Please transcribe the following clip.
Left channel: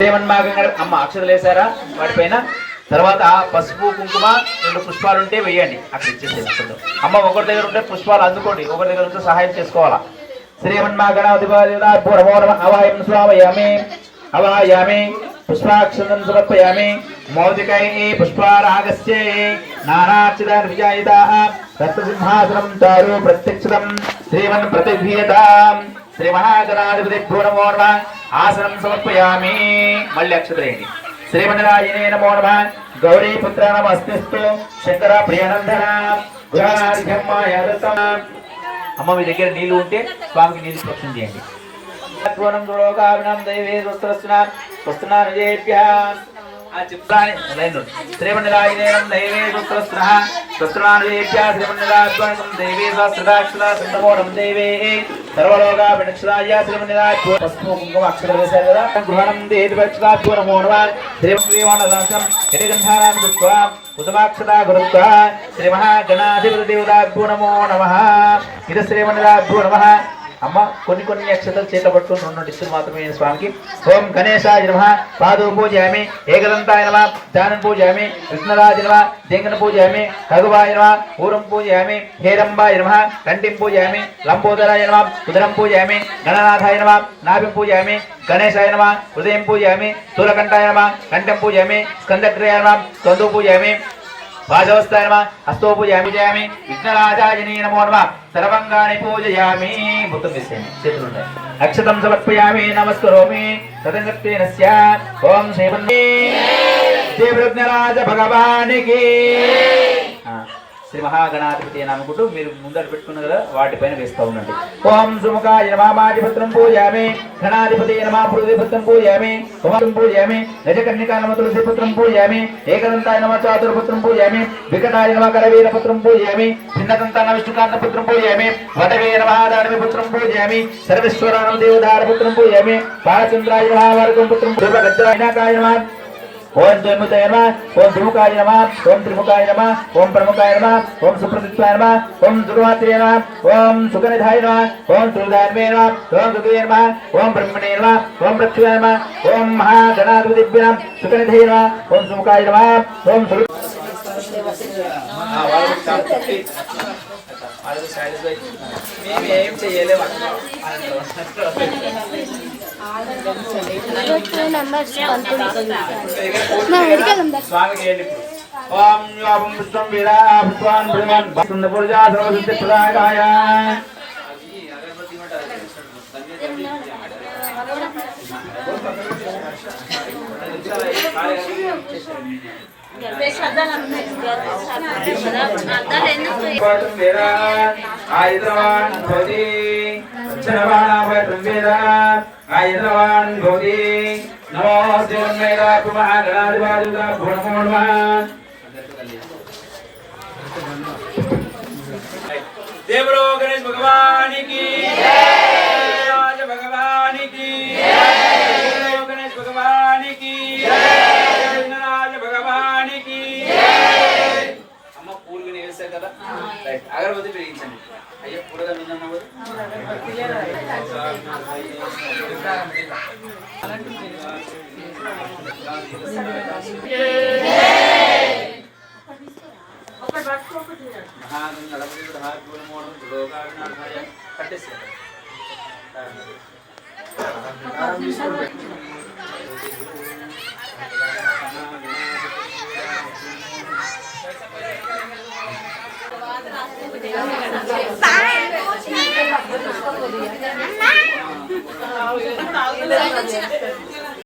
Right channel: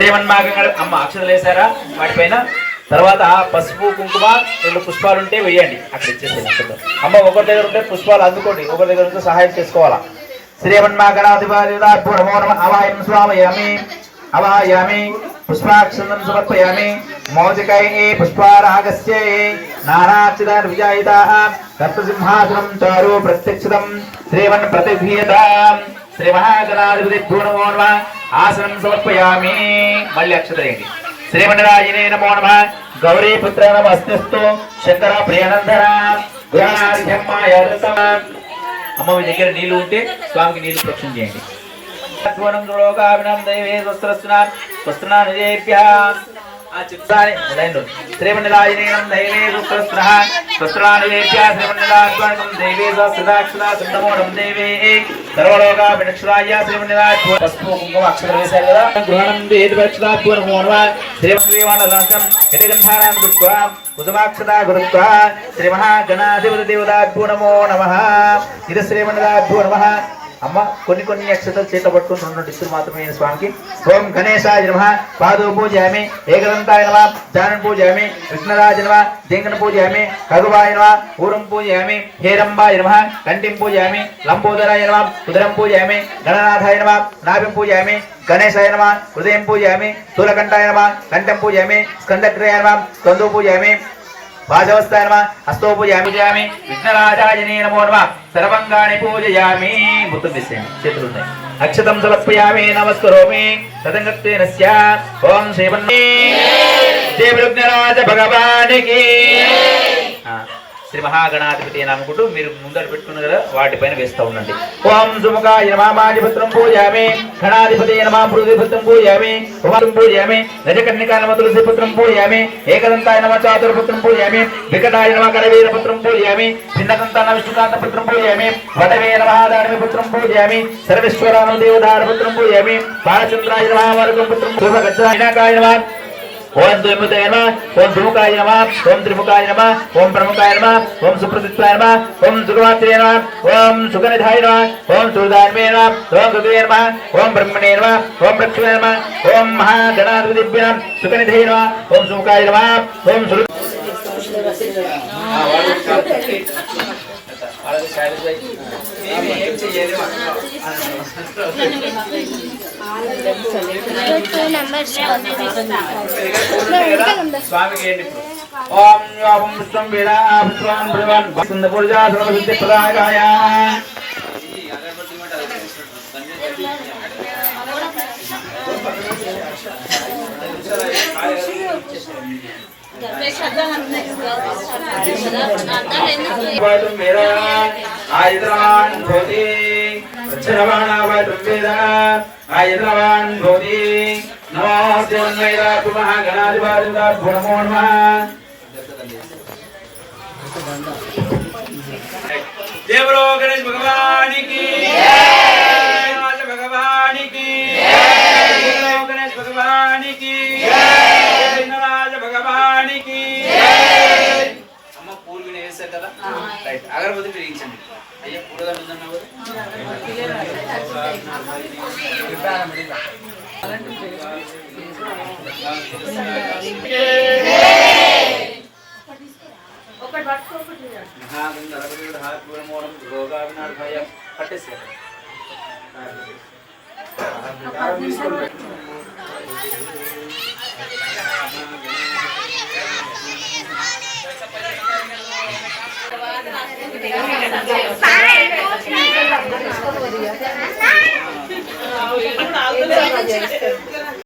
అమ్మ అక్షతలు వేసారా వాటిపైన తర్వాత పసుపు కుంకుమ 2 పుష్పాలు ఉంటే వేయండి అక్కడ ఇచ్చేసేది అమ్మ ఒకరి దగ్గర ఉంటే పుష్పాలు అందుకోండి ఒకరి దగ్గర ఉంటే సహాయం చేసుకోవాలా శ్రీమన్మాగణాధిపతిపూర్వమోనమ అవాయం స్వామయామి అవాయామి పుష్పాక్షతం సమర్పయామి మౌజికై పుష్పారాగస్యై నానాక్షితాన్ విజాయితాః సప్తసింహాసనం చారు ప్రత్యక్షితం శ్రీమన్ ప్రతిభీయతాం శ్రీ మహాగణాధిపతిపూర్వమోనమ ఆసనం సమర్పయామి మళ్ళీ అక్షతలేండి శ్రీమన్నారాయణే నమో నమః గౌరీపుత్ర నమస్తేస్తు శంకర ప్రియానందన గుణాధిక్యమాయరుతమ అమ్మ మీ దగ్గర నీళ్లు ఉంటే స్వామికి నీళ్లు ప్రోక్షణ చేయండి ఆ చిత్రాన్ని శ్రీమన్నారాయణేనం దైవే సుస్రస్నః సుస్రానివేభ్య శ్రీమన్నారాయణం దైవే సుస్రదాక్షరాసంతమోరం దైవే సర్వలోక వినక్షరాయ శ్రీమన్నారాయణ పసుపు కుంకుమ అక్షరం వేశారు కదా గృహణం దేవక్షరాజ్ఞో నమ శ్రీమన్నారాయణం యతిగంధానాం కృత్వా కుసుమాక్షతా గురుత్వా శ్రీ మహాగణాధిపతి దేవతాభ్యో నమో నమః ఇది శ్రీమన్నారాయణభ్యో నమః అమ్మ కొన్ని అక్షతలు చేతిలో పట్టుకుని 2 ఇస్తులు మాత్రమే స్వామికి ఓం గణేశాయ నమః పాదో పూజయామి ఏకదంతాయ నమః దానం పూజయామి కృష్ణరాజ నమః దేంగన పూజయామి ఖగువాయ నమః ఊరం పూజయామి హేరంబాయ నమః కంఠిం పూజయామి లంబోదరాయ నమః ఉదరం పూజయామి గణనాథాయ నమః నాభిం పూజయామి గణేశాయ నమః హృదయం పూజయామి స్థూలకంఠాయ నమః కంఠం పూజయామి స్కందక్రియాయ నమః స్కందో పూజయామి వాజవస్థాయ నమః హస్తో పూజయామి విఘ్నరాజాయనే నమో నమః సర్వంగాని పూజయామి ముత్తం వేసేయండి చేతులు ఉంటాయి అక్షతం సమర్పయామి నమస్కరోమి తదంగత్వేన స్యా ఓం శ్రీమన్నే దేవవిఘ్నరాజ భగవానికి శ్రీ మహాగణాధిపతి అనుకుంటూ మీరు ముందర పెట్టుకున్న కదా వాటిపైన వేస్తూ ఉండండి ఓం సుముఖాయ నమః మాజిపత్రం పూజయామి గణాధిపతి నమః పృథ్వీపుత్రం పూజయామి కుమారం పూజయామి గజకర్ణికాయ నమః తులసీపుత్రం పూజయామి ఏకదంతాయ నమః చాతుర్పుత్రం పూజయామి వికటాయ నమః కరవీరపుత్రం పూజయామి భిన్నదంతాయ నమః విష్ణుకాంతపుత్రం పూజయామి వటవే నమః దానవీపుత్రం పూజయామి సర్వేశ్వరాయ నమః దేవదారపుత్రం పూజయామి బాలచంద్రాయ నమః వరదపుత్రం శుభగచ్చరాయనాకాయ నమః ఓం ద్వైముఖాయ నమః ఓం ధృముఖాయ నమః ఓం త్రిముఖాయ నమః ఓం ప్రముఖాయ నమః ఓం సుప్రతిష్ఠాయ నమః ఓం సుగవాత్రే నమః ఓం సుగనిధాయ నమః ఓం సుదాన్మే నమః ఓం సుదే నమః ఓం బ్రహ్మణే నమః ఓం లక్ష్మీ నమః ఓం మహాగణాధిపతిభ్య నమః సుగనిధే నమః ఓం సుముఖాయ నమః ఓం సురు ఓం యావం విష్ణుం వేదా విశ్వాన్ బ్రహ్మన్ వసంతపురజా సర్వసిద్ధి ప్రదాయకాయ ఆయుధవాన్ భవతి ఆయుధవాన్ భవతి నమోస్తే మహాగణాధిపతిభ్యో నమో నమః దేవరో గణేష్ భగవానికి జయ భగవానికి జయ గణేష్ భగవానికి జయ భగవానికి అమ్మ పూలు వేసారు కదా అగరబత్తి వేయించండి అయ్యా పూరగా ఉందన్నావు పట్టేసారు